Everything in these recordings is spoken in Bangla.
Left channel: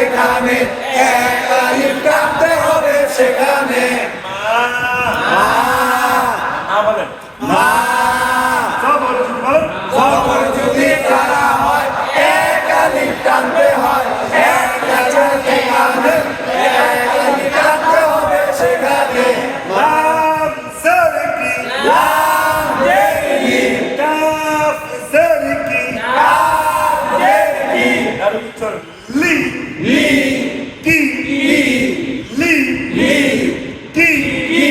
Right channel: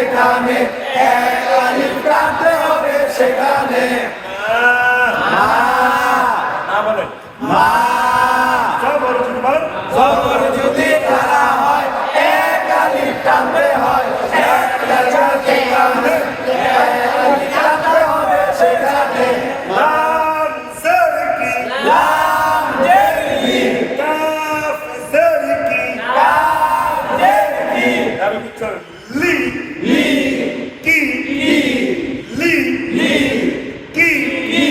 যেখানে এক আলিফ টানতে হবে সেখানে মা না বলেন মা জবর যদি বলেন জবর যদি তারা হয় এক আলিফ টানতে হয় এক রাজা যেখানে এক আলিফ টানতে হবে সেখানে লাম সারকি লাম জেরি কাফ সারকি কাফ জেরি আর উচ্চার লি লি কি লি লি লি কি কি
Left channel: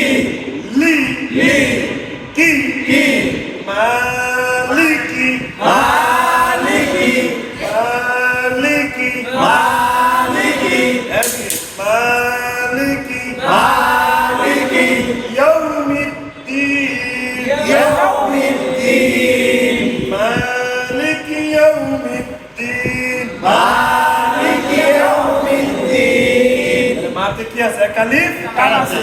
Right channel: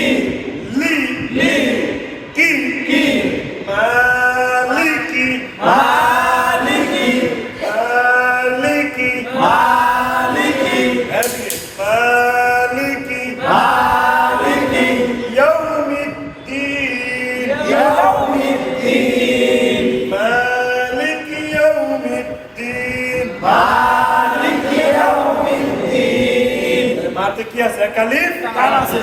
লি লি কি কি মালিকি মালিকি মালিকি মালিকি মালিকি মালিকি ইয়াউমিদ্দিন ইয়াউমিদ্দিন মালিকি ইয়াউমিদ্দিন মালিকি ইয়াউমিদ্দিন মাতে কি আছে কালিফ কান আছে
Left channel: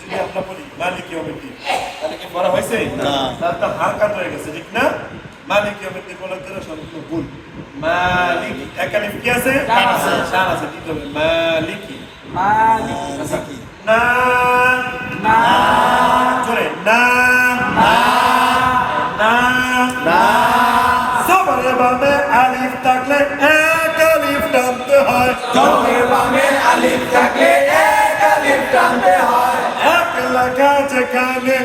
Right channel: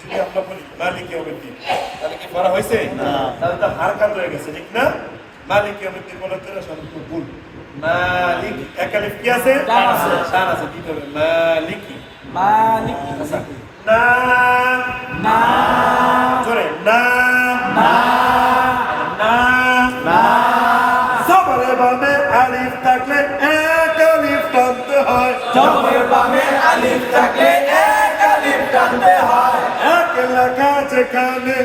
যদি আমরা বলি মালিকি ইয়াউমিদ্দিন তাহলে কি পড়া হয়েছে তাহলে তো হারকাত হয়ে গেছে ঠিক না মালিকি ইয়াউমিদ্দিন বলতে না সম্পূর্ণ ভুল মালিকি কালিফ কি আছে কান আছে কি হবে মালিকি আচ্ছা না না জোরে না না না না সবরে বামে আলিফ থাকলে এক আলিফ টানতে হয় জবরের বামে আলিফ থাকলে এক আলিফ টানতে হয় এক লেখা যেখানে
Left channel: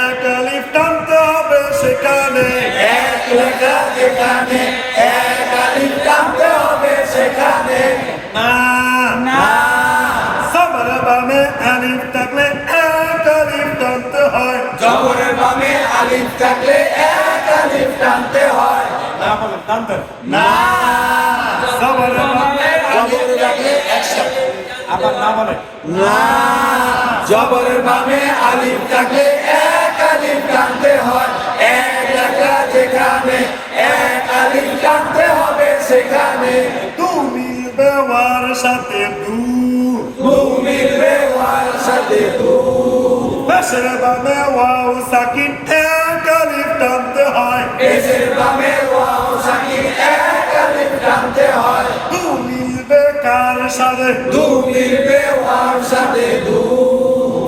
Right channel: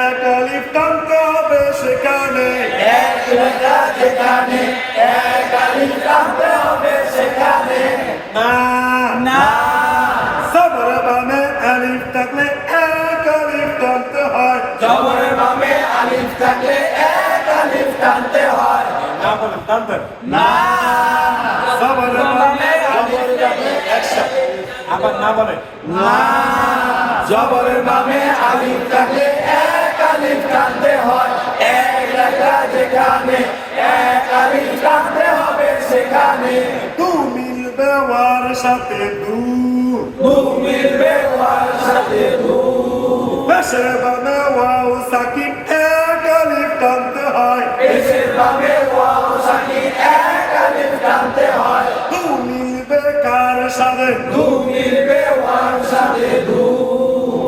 এক আলিফ টানতে হবে সেখানে এক লেখা যেখানে এক আলিফ টানতে হবে সেখানে না না সবরে বামে আলিফ থাকলে এক আলিফ টানতে হয় জবরের বামে আলিফ থাকলে এক আলিফ টানতে হয় না বলেন টানতে না সবরে বামে জবরের বামে একসাথে আবার না বলেন না জবরের বামে আলিফ থাকলে এক আলিফ টানতে হয় এক লেখা যেখানে এক আলিফ টানতে হবে সেখানে তু মিলবে ওয়ার সাথে দু দু মিলবে ওয়ার সাথে দু পেশের বামে ওয়াও সাকিন এক আলিফ টানতে হয় পেশের বামে ওয়াও সাকিন এক আলিফ টানতে হয় দু মিলবে কার সাথে দু মিলবে ওয়ার সাথে দু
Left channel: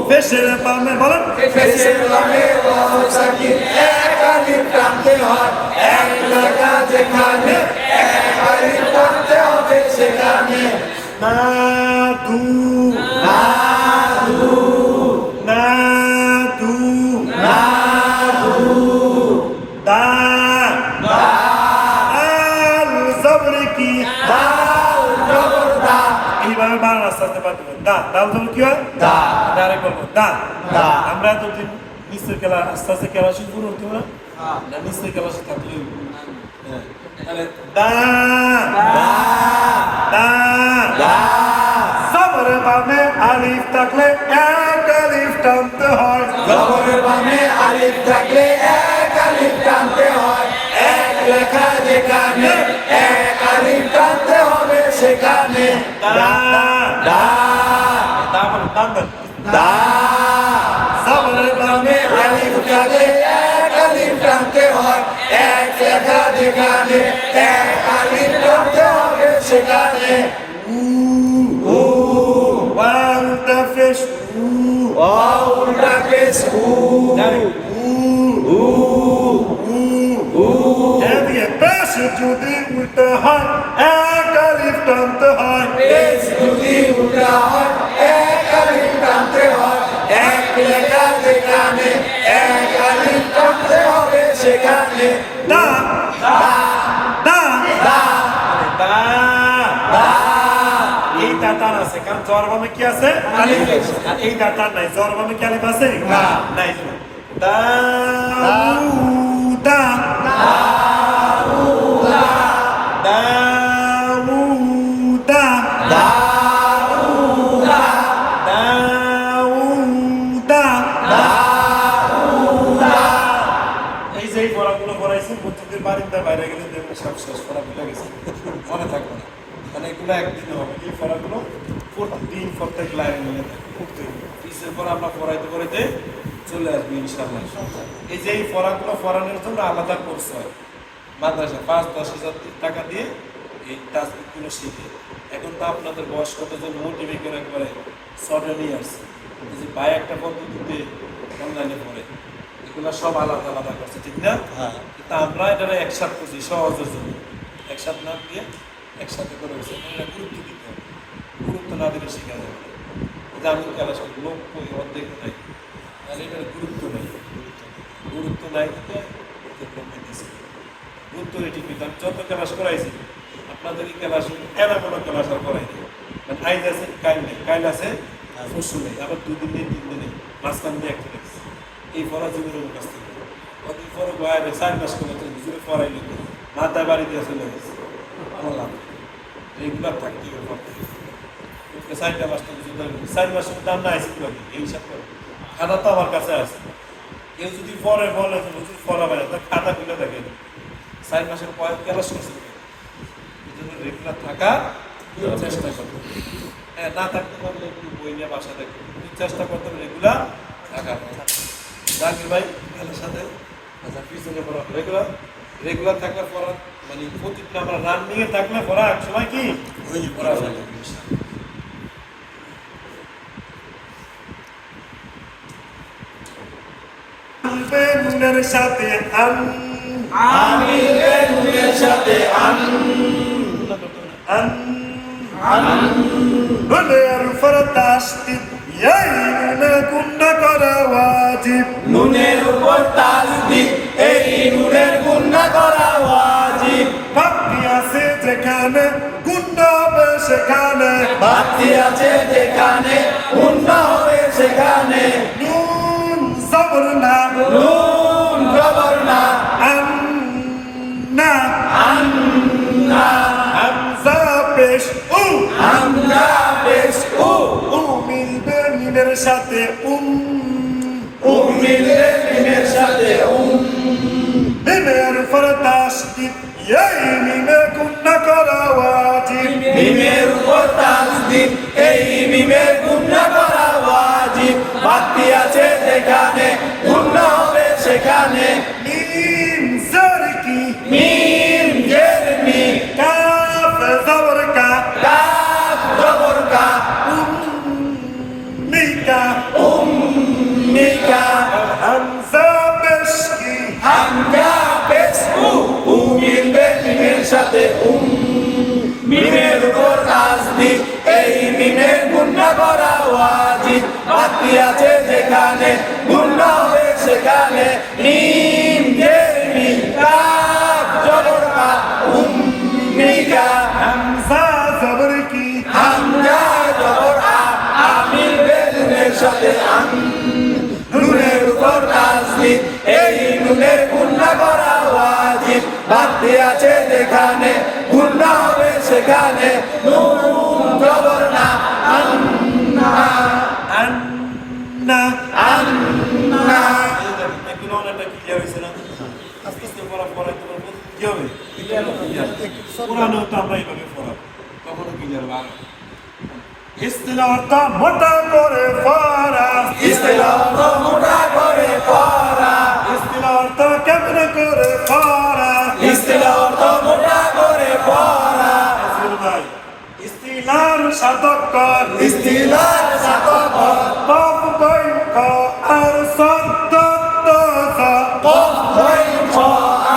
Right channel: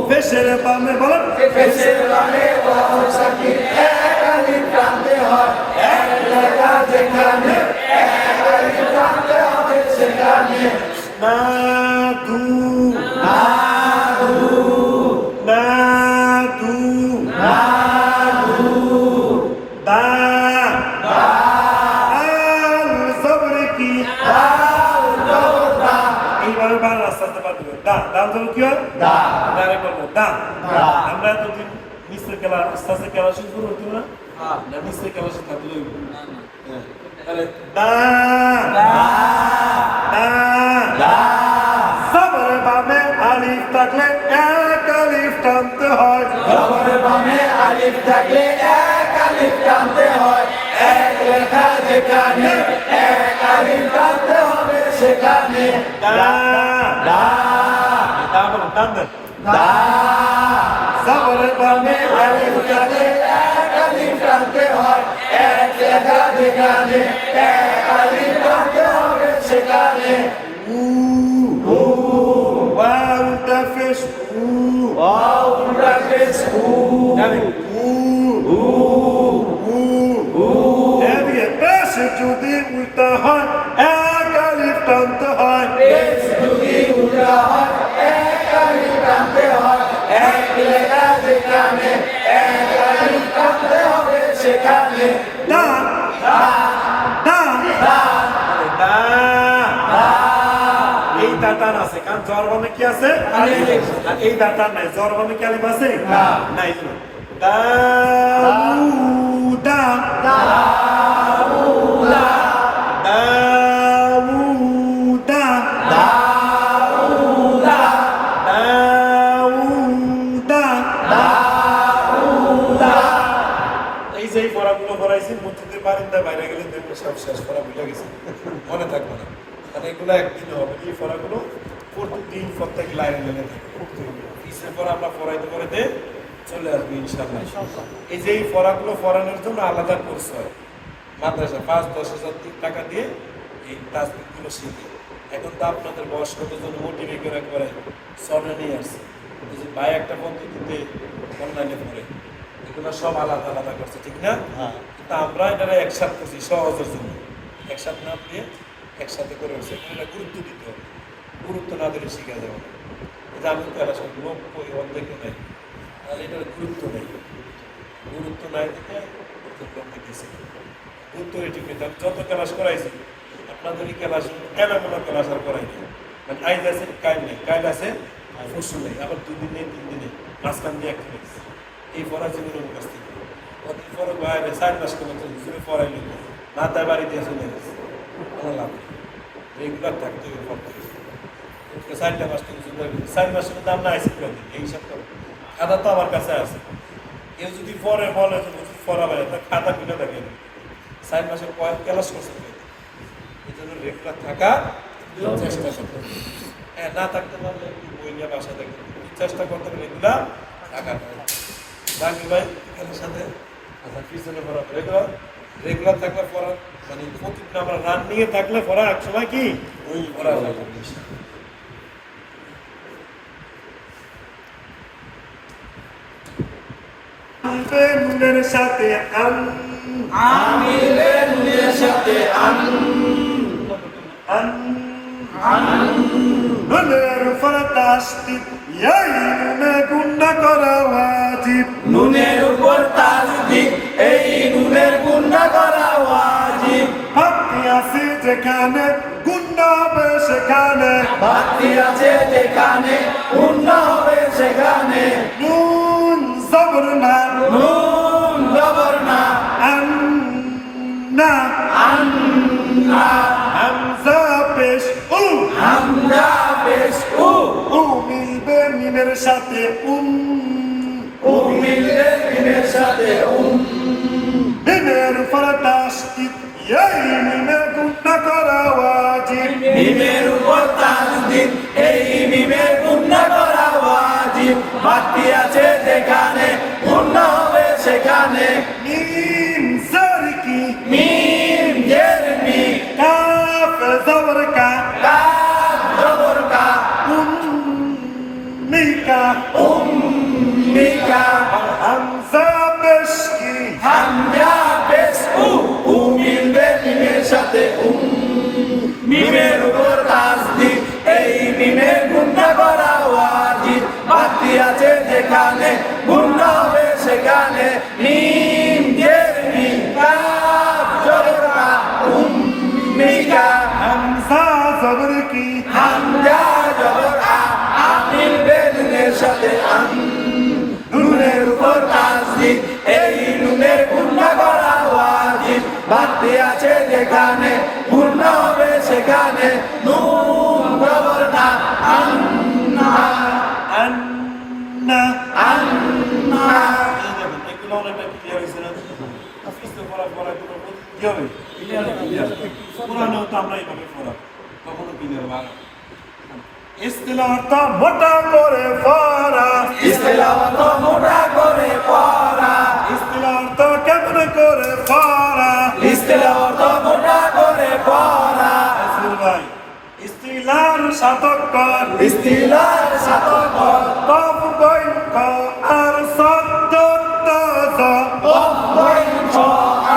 পেশের বামে বলেন পেশের বামে ওয়াও সাকিন এক আলিফ টানতে হয় এক লেখা যেখানে এক আলিফ টানতে হবে সেখানে না দু না দু না দু না দু দা দা আল সবর কি দাও জবর দা এইভাবে বাংলা রাস্তা পারতে দা দাও তো কি হয় দা ডাইরেক্ট বলবো দা দা। আমরা এতদিন নিশ্চয় খেলা আস্তে আস্তে খেলা শুরু হতে না নিশ্চয় খেলা সাথে থাকলে তাহলে দা দা দা দা সবর বামে আলিফ থাকলে এক আলিফ টানতে হয় জবরের বামে আলিফ থাকলে এক আলিফ টানতে হয় এক লেখা যেখানে এক আলিফ টানতে হবে সেখানে দা দা দা মানে টানতেন দা সবর বামে আলিফ থাকলে এক আলিফ টানতে হয় এক লেখা যেখানে এক আলিফ টানতে হবে সেখানে ওয়াল তাফিশ ওয়াউটাকে সু জানি এদিকে পেশে যদি উল্টা হয় এক আলিফ টানতে হয় পেশ যদি উল্টা হয় এক আলিফ টানতে হয় এক লেখা যেখানে এক আলিফ টানতে হবে সেখানে দা দা দা দা দা দা এই দাতার আছে কারণ জরবামে কি আছে আলিফ আর এই দাতার নাই জরবামে কি আলিফ আছে না। নাই দাউদা দাউদা দাউদা দাউদা দাউদা দাউদা এই যে এই পড়াগুলো পড়াইছি মধ্যদের বারিন্দার বাইরে গেলে দেখবে সব শেষ করা ভুলে গেছে মনে থাকবে না মানে এগুলো একদিন হবে এই পড়াগুলো প্রতিদিন প্রত্যেক লাইনে মিলে পড়তে হবে পিছের পর আমরা পড়াইতে পড়াইতে চলে আসবে ইনশাআল্লাহ এই যে এই পড়াগুলো পড়ানোর জন্য আলাদা কোর্স হয় মাদ্রাসা ৫-১০ হাজার টাকা দিয়ে এই তাজবিদগুলো শিখে। এখন তো আপনাদের বয়স কতজন মোটিভেট করে সরে নিয়ে আসছে। এই যে ভাই একটা পদ্ধতিতে অনলাইনে পড়ে, এগুলো সব আলাদা আলাদা করছে, ঠিক না? কিন্তু আমরা এটা একসাথে করছি সহজের জন্য, একসাথে না দিয়ে একসাথে করে হচ্ছে। এটা গুরুত্ব দিতে হবে, গুরুত্ব না দিলে শেখা যাবে না। যে আমি খেলা সব লোক করি অর্ধেক নাই, তাহলে এটার গুরুত্ব নেই, গুরুত্ব নাই গুরুত্ব ঠিক নেই। আমি যত ক্লাস করাইছি আপনাদেরই ক্লাস এলামূল ক্লাস আর করাইনি, মানে আইজ আছে কাইল নেই, কাইল আছে পরশু নেই, আবার 2 দিন নেই 3 দিনে মাঝখান দিয়ে একটা নেই। এই পড়া জীবনের কাছ থেকে অতি পরে বাইরে 4 মাস করে হুজুরে পড়াইলে মাথায় বাড়ি দিয়ে চলে গেছে, কোনো লাভ নেই। রেগুলার থাকতে হবে, পড়তে হবে। 4টা মাস তো কিছু 4 মাসের মধ্যে আমরা আইসি করি এই হিসাব করে। খাতা তো আমার কাছে আছে, কেউ যদি পরে বলে যে হুজুর পড়া বাইরে তার খাতা খুলে দেখে 4 মাসের পরে ক্লাস করছে, এই জন্য রেগুলার থাকা চেষ্টা করতে হবে। হ্যাঁ, না থাকতে পারলে একটু বই নিয়ে বাসায় দেখতে চেষ্টা করতে হবে, রেগুলার থাকা। জাকির ভাই এর সাথে আচ্ছা পিছনে পড়া রেগুলার, রেগুলার থাকলে পড়া মানে প্রতিদিন আমরা রান নিয়ে থাকলে পড়া এক সময় কি ওই পড়া যাবে। আমিরের সাথে আমিরের সাথে নুনের ফরতাস্তিত ইয়াইনুনা গুন্না করা ওয়াজিব, নুনের উপর তাসদিদ এই নুনের গুনাহ করা ওয়াজিব। ভক্তি আছে যেখানে গুন্না হবে সেখানে, ভক্তি আছে যেখানে গুনাহ হবে সেখানে। নুন জবর না নুন জবর না আন্না আন্না হামজা পেশ উ, হামজা পেশ উ উ মিলবে মিমের সাথে উ মিলবে মিমের সাথে মিমের ফরতাস্তিত ইয়াই মিমে গুন্না করা ওয়াজিব, মিমের উপর তাসদিদ এই মিমের গুনাহ করা ওয়াজিব। ভক্তি আছে যেখানে গুনাহ হবে সেখানে। মিম জারকি মিম জের মি কাফ জবর কা কাফ জবর কা মিকা মিকা হামজা পেশ কি হামজা পেশ উ মিলবে মিমের সাথে মিমের উপর তাসদিদ এই মিমের গুনাহ করা ওয়াজিব। ভক্তি আছে যেখানে গুনাহ হবে সেখানে। মিম জের মি কাফ জবর কা মিকা হামজা জবর কি হামজা জবর আমিল বেলুনের সাথে নুনের উপর তাসদিদ এই নুনের গুনাহ করা ওয়াজিব। ভক্তি আছে যেখানে গুনাহ হবে সেখানে। নুন জবর না আন্না আন্না এগুলো অনেকটা ক্লিয়ার হয়েছে না? আস্তে আস্তে পড়া পড়া কি হবে? পুরানো তো আমরা এইভাবে পড়া কখনো ক্লিয়ার হবে। ইস্তিলাহটা মোটা করে পড়া, ইস্তিলাহত মোটা করে পড়া, ইস্তিলাহটা কেমন করে পড়া, ইস্তিলাহত মোটা করে পড়া। রাসূল ভাই ইস্তিলার সাতকর ইস্তিলার সাতকর বাপ বই ক আর সদ্দত কফ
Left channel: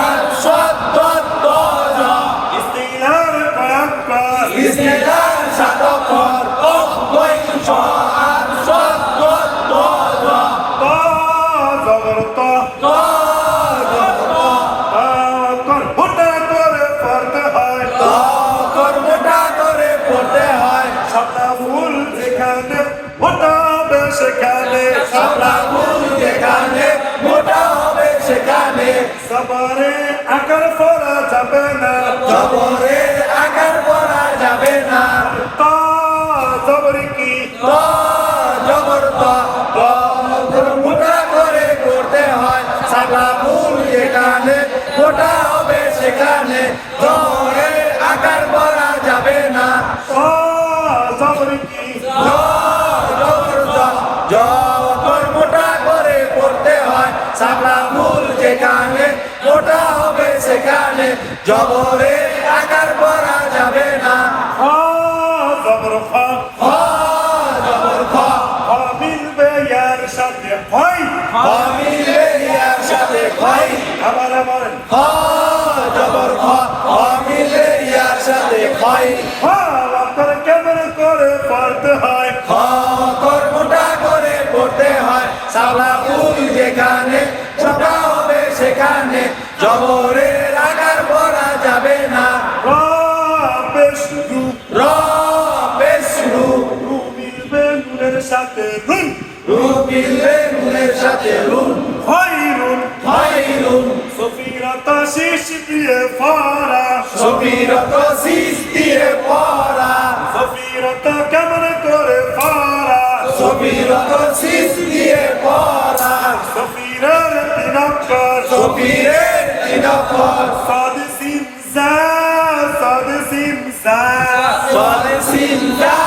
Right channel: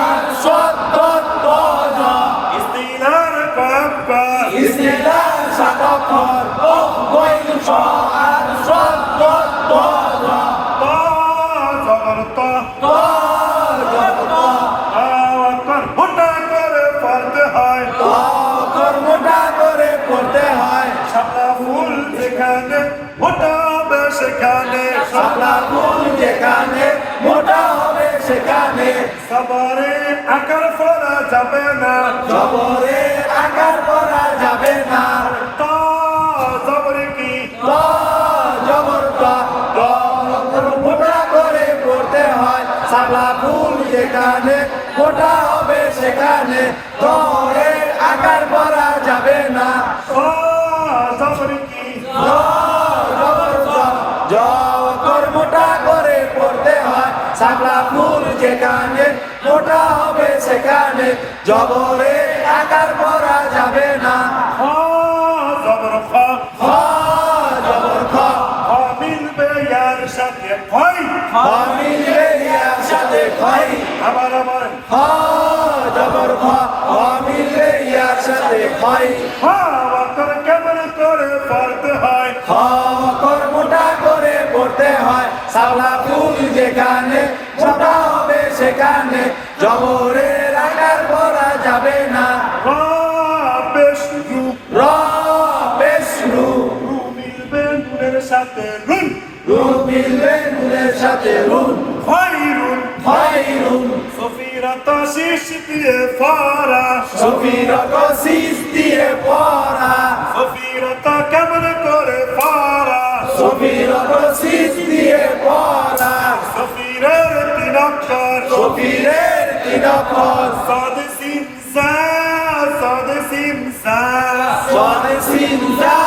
আর সদ্দত ইস্তিলার কর ইস্তিলার সাতকর কফ আর সদ্দত জবর তো কর মোটা করে পড়তে হয়, মোটা করে পড়তে হয়। শাপলা ফুল যেখানে মোটা হবে সেখানে, শাপলা ফুল যেখানে মোটা হবে সেখানে। সবারে আকার পড়া যাবে না, জবরে আকার পড়া যাবে না। তা জবর কি তো জবর তো মোটা করে পড়তে হয়। শাপলা ফুল যেখানে মোটা হবে সেখানে। জবরের আকার পড়া যাবে না। জবর কি জবর মোটা করে পড়তে হয়। শাপলা ফুল যেখানে মোটা হবে সেখানে। যেখানে জবরের আকার পড়া যাবে না খা জবর খা খ জবর খ খা মিলবে ইয়ার সাথে খয় খ মিলবে ইয়ার সাথে খয় আবার খ জবর খ খ মিলবে ইয়ার সাথে খয় খা অক্ষর কেমন করে পড়তে হয় খ অক্ষর মোটা করে পড়তে হয় সালা ফুল যেখানে ছোটা হবে সেখানে জবরের আকার পড়া যাবে না রা বেশ রু র পেশ রু রু মিলবে নুনের সাথে নুন রু মিলবে নুনের সাথে রুন খয়রুন খয়রুন সফিরাতা শেষ দিয়ে ফারা সুবিরত সিস দিয়ে পড়া সফিরাতা কেমন করে ফারা সুবিরত সিস দিয়ে পড়া সফিরের তিন অক্ষর সুবীরের তিন অক্ষর সাদ সিন জা সাদ সিন জা সলে সিন যা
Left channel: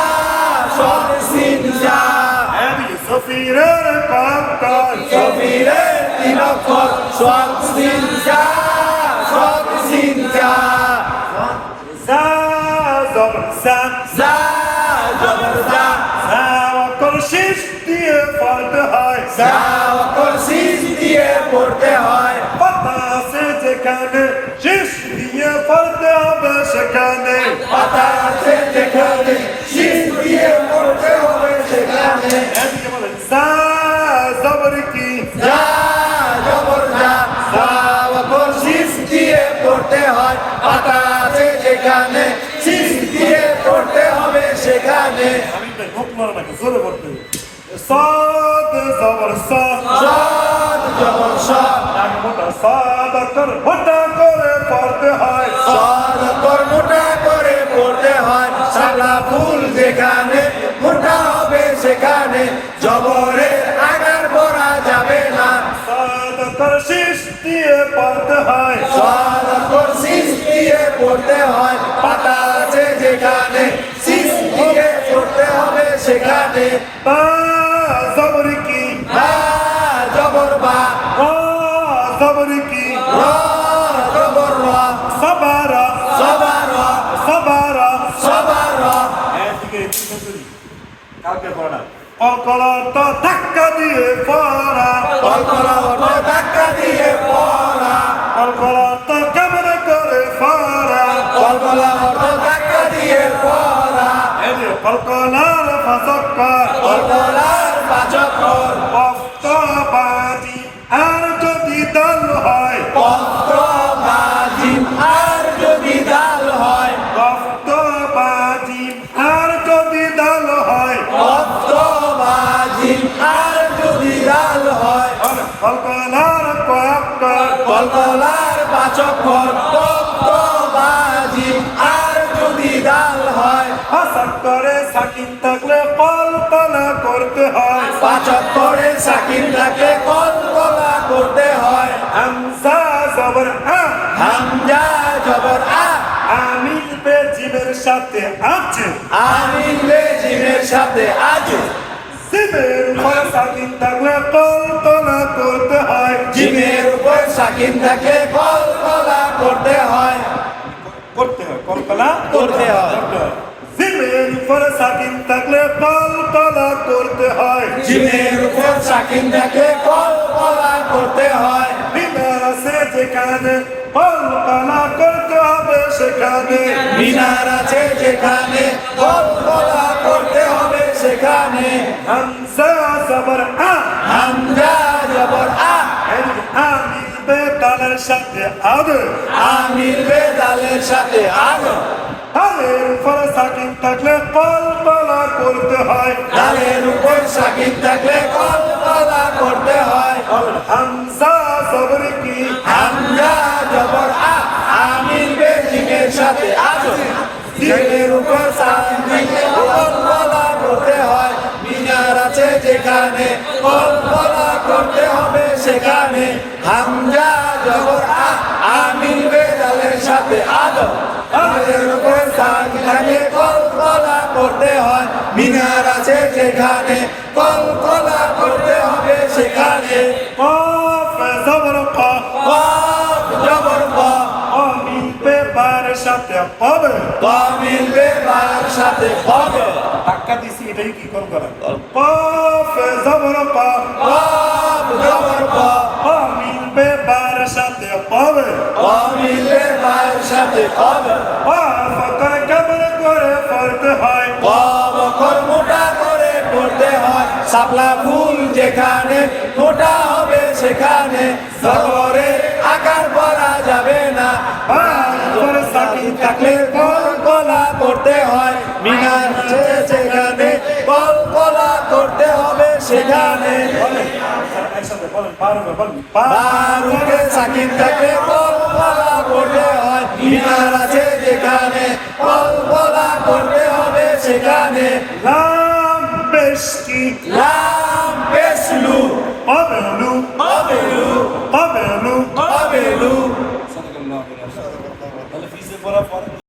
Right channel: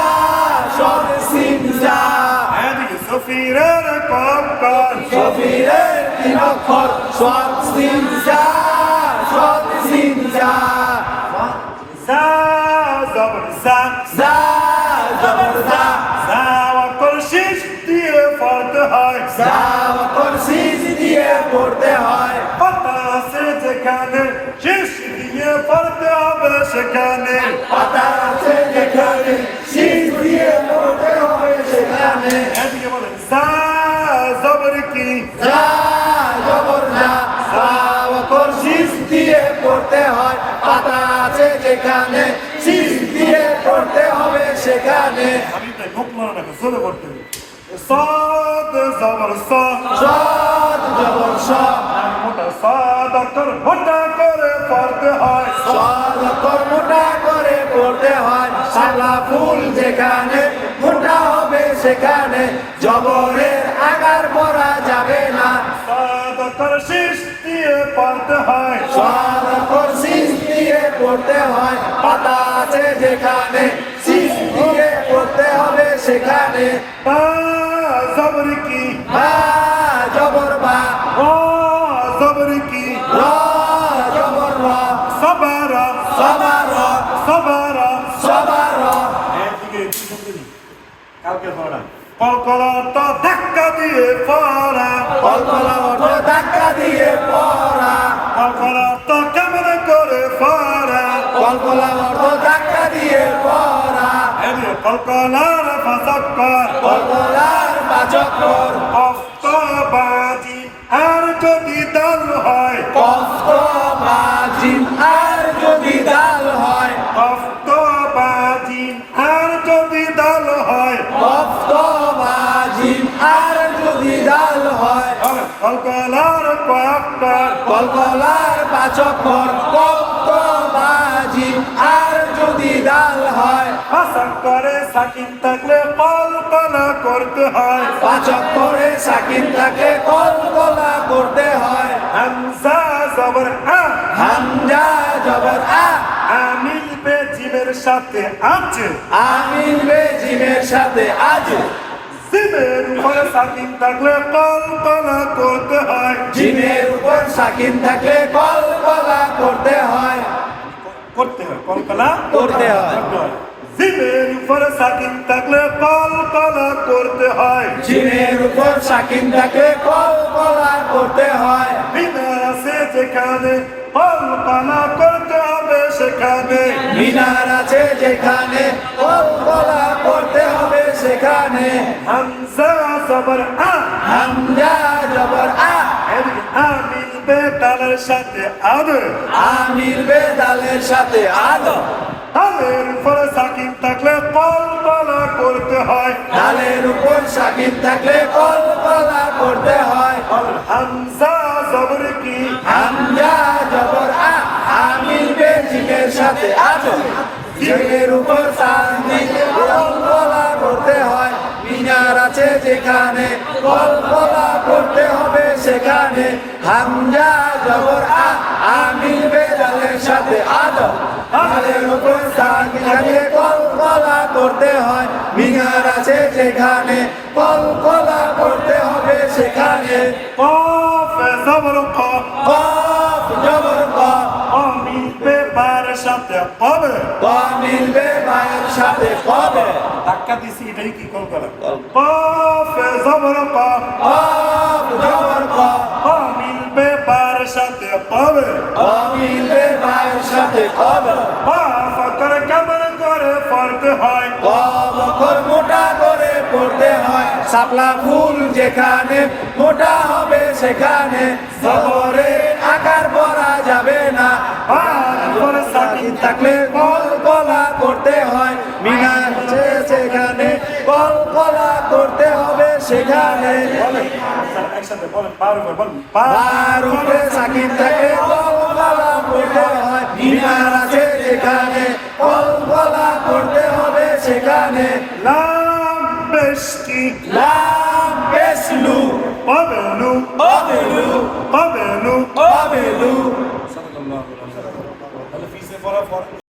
সলে সিন যা এদিকে সফিরের অক্ষর সুবীরের তিন অক্ষর সল সিন যা সল সিন যা জা জবর জা যা জবর যা জা অক্ষর শেষ দিয়ে পড়তে হয় যা অক্ষর সিস দিয়ে পড়তে হয় পাতা আছে যেখানে শেষ দিয়ে পড়তে হবে সেখানে পাতা আছে যেখানে সিস দিয়ে পড়তে হবে সেখানে এদিকে বলে জা জবর কি যা জবর যা যা অক্ষর সিস দিয়ে পড়তে হয় পাতা আছে যেখানে সিস দিয়ে পড়তে হবে সেখানে আমি তাই মুখ মারা না জোরে পড়তে হবে সাদ জবর সা সদ জবর সদ মোটা সাদ অক্ষর মোটা করে পড়তে হয় সদ অক্ষর মোটা করে পড়তে হয় সালা ফুল যেখানে মোটা হবে সেখানে জবরের আকার পড়া যাবে না সাদ অক্ষর শেষ দিয়ে পড়তে হয় সদ অক্ষর সিস দিয়ে পড়তে হয় পাতা আছে যেখানে সিস দিয়ে পড়তে হবে সেখানে বা জবর কি বা জবর বা রা জবর কি র জবর র সবারা সবার র সবারা সবার র এদিকে কালকে পড়া কলকলা তো ধাক্কা দিয়ে পড়া কলকলা অটো ধাক্কা দিয়ে পড়া কলকলা তো কেমন করে পড়া কলকলা অটো ধাক্কা দিয়ে পড়া এদিকে কলকলার ফাঁসক্কর কলকলার পাচকর কষ্টবাজি আর যদি দল হয় কষ্ট বাজিম আর যদি ডাল হয় কষ্টবাজি আর যদি দল হয় কষ্ট বাজিম আর যদি ডাল হয় কলকলার কয়েকর কলকলার পাচকর কষ্ট বাজিম আর যদি ডাল হয় হাসান করে সাকিন থাকলে কল্পনা করতে হয় পাচক করে সাকিন থাকলে কলকলা করতে হয় হামজা জবর আ হামজা জবর আ আমিল বে জিমের সাথে আছে আমিন বেজিমের সাথে আজ জিমের উপরে সাকিন থাকলে কল্পনা করতে হয় জিমের উপর সাকিন থাকলে কলকলা করতে হয় কল্পনা করতে হয়। জিমের উপরে সাকিন থাকলে কল্পনা করতে হয় জিমের উপর সাকিন থাকলে কলকলা করতে হয় বিমার আছে যেখানে কল্পনা করতে হবে সেখানে মিনার আছে যেখানে কলকলা করতে হবে সেখানে হামজা জবর আ হামজা জবর আ আমিল বে তালের সাথে আদে আমির বেদালের সাথে আদ তালের উপরে সাকিন থাকলে কল্পনা করতে হয় ডালের উপর সাকিন থাকলে কলকলা করতে হয় হামজা জবর কি হামজা জবর আ আমির বেজিমের সাথে আদ জিমের উপর সাকিন কলকলা করতে হয় মিনার আছে যেখানে কলকলা করতে হবে সেখানে হামজা জবর আ আমির বেদালের সাথে আদ আমাদের উপর সাকিন কলকলা করতে হয় মিনার আছে যেখানে কলকলা করতে হবে সেখানে কফ জবর ক কফ জবর ক আমি বার সাথে পাবে ক মিলবে বায়ের সাথে কবে ধাক্কা দিছি এটাই কি কল করা পাফে জবর পা কব জবর ক পা মিলবে বার সাথে পাবে ক মিলবে বায়ের সাথে কবে পা ফকর কেমন করে পড়তে হয় কব অক্ষর মোটা করে পড়তে হয় শাপলা ফুল যেখানে মোটা হবে সেখানে জবরের আকার পড়া যাবে না পা করে সাকিন থাকলে কলকলা করতে হয় মিনার সেখানে কলকলা করতে হবে সেখানে বলেন একসাথে বলেন বারবার বলেন পা বার উঠে সাকিন থাকলে কলকলা করতে হয় মিনার আছে যেখানে কলকলা করতে হবে সেখানে লাম বেশকি লাম পেশলু পাবেলু অবেলু পাবেলু অবেলু তাহলে ফিসে পড়া পড়া